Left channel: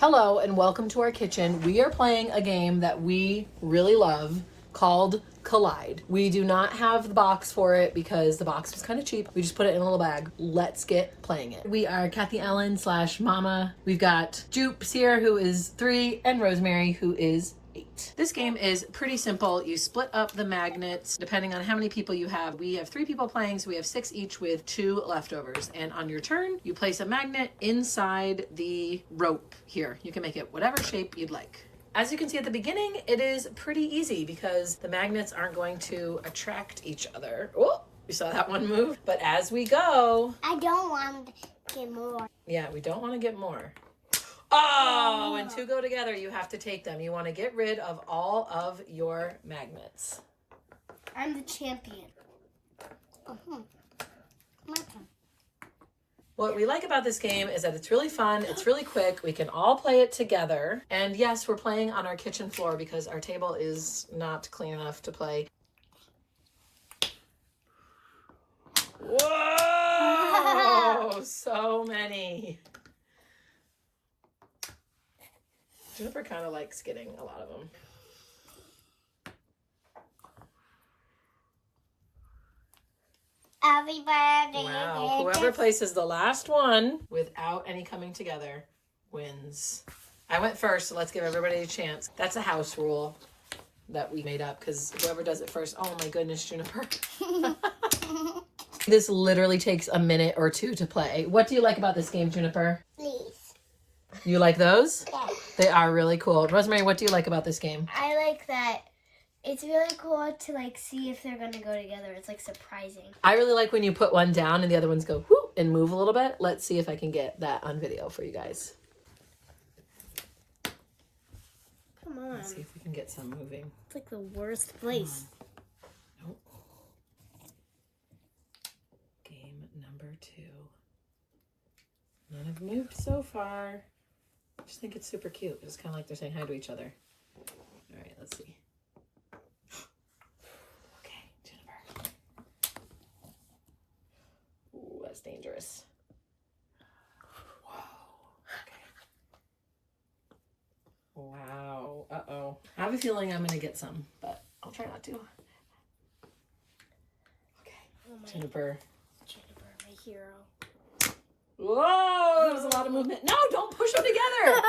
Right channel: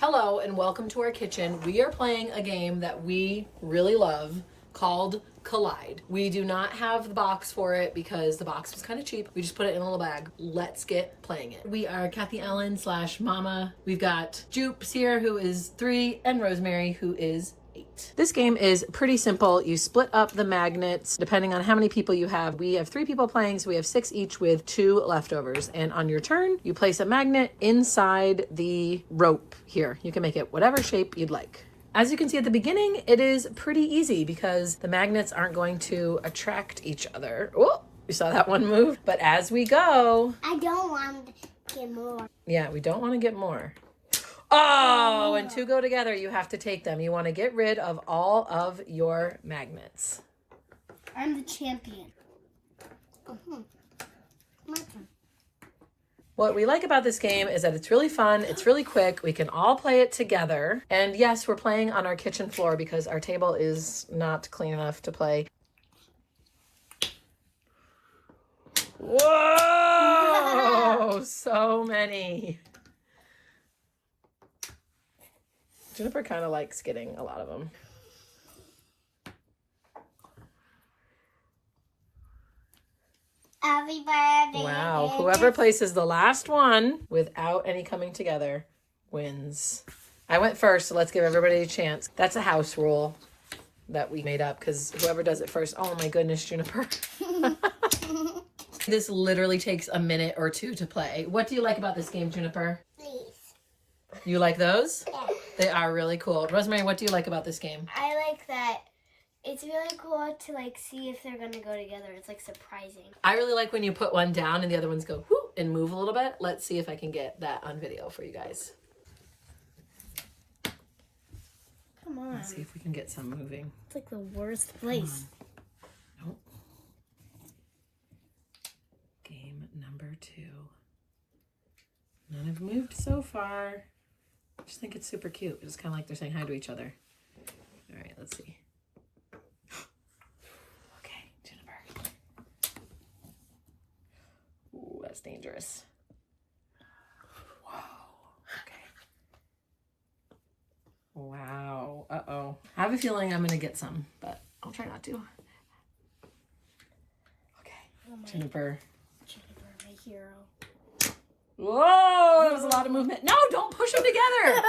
Hello and welcome to our kitchen. We are playing a game that we really love called Collide. We do not have the box for it because the box was kind of cheap. We just put it in a little bag. Let's get playing it. We are Kathy Ellen / Mama. We've got Jupes here who is 3 and Rosemary who is 8. This game is pretty simple. You split up the magnets depending on how many people you have. We have 3 people playing, so we have 6 each with 2 leftovers. And on your turn, you place a magnet inside the rope here. You can make it whatever shape you'd like. As you can see at the beginning, it is pretty easy because the magnets aren't going to attract each other. Oh, you saw that one move. But as we go... I don't want to get more. Yeah, we don't want to get more. Oh, when 2 go together, you have to take them. You want to get rid of all of your magnets. I'm the champion. My turn. What we like about this game is that it's really fun, it's really quick, we can all play it together. And yes, we're playing on our kitchen floor because our table is not clean enough to play. Whoa! So many. Jennifer kind of likes getting a lot of them. Happy birthday. Wow, whoever places the last one without any coming together wins. I went first, so let's give everybody a chance. That's a house rule that we made up because whoever does it first. Oh my goodness, Juniper. This literally takes a minute or 2 to play. What do you like about this game, Juniper? Please. You like those? Yeah. They are really cool. Rosemary, what do you like about this game? I like that it's really cool to see if they're going to go together. It's surprising. I really like when you put one down and the other ones go whoop and move a little bit. Let's see if I can get that on video for you guys. Come on. Let's see if we can get some moving. It's the worst place. Nope. Game number 2. None have moved so far. I just think it's super cute. It's kind of like they're saying hi to each other. All right, let's see. Okay, Jennifer. Ooh, that's dangerous. Whoa. Okay. Wow. Uh-oh. I have a feeling I'm going to get some, but I'll try not to. Okay. Oh my Jennifer. Jennifer, my hero. Whoa, that was a lot of movement. No, don't push them together.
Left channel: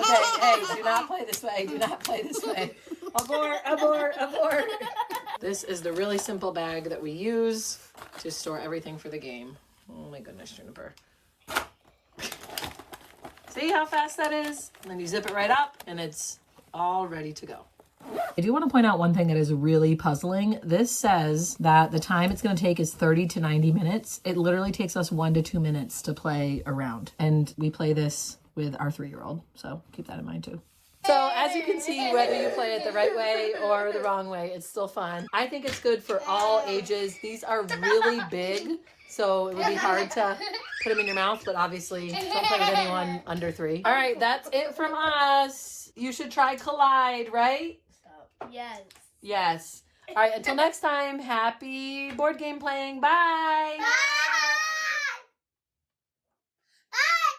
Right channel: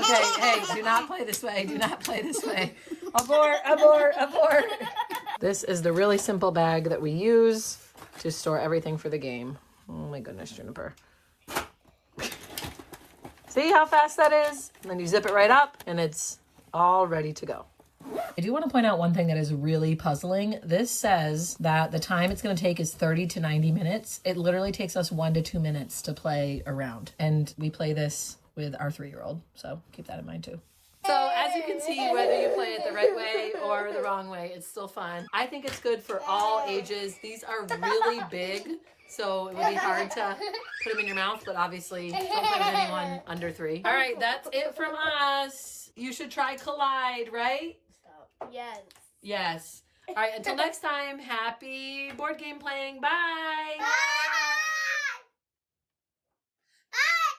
Okay, hey, do not play this way. Do not play this way. Abort, abort, abort. This is the really simple bag that we use to store everything for the game. Oh my goodness, Juniper. See how fast that is? And then you zip it right up and it's all ready to go. I do want to point out one thing that is really puzzling. This says that the time it's going to take is 30 to 90 minutes. It literally takes us 1 to 2 minutes to play a round. And we play this with our 3-year-old. So keep that in mind too. So as you can see, whether you play it the right way or the wrong way, it's still fun. I think it's good for all ages. These are really big, so it would be hard to put them in your mouth, but obviously don't play with anyone under 3. All right, that's it from us. You should try Collide, right? Yes. Yes. All right, until next time, happy board game playing. Bye. Bye.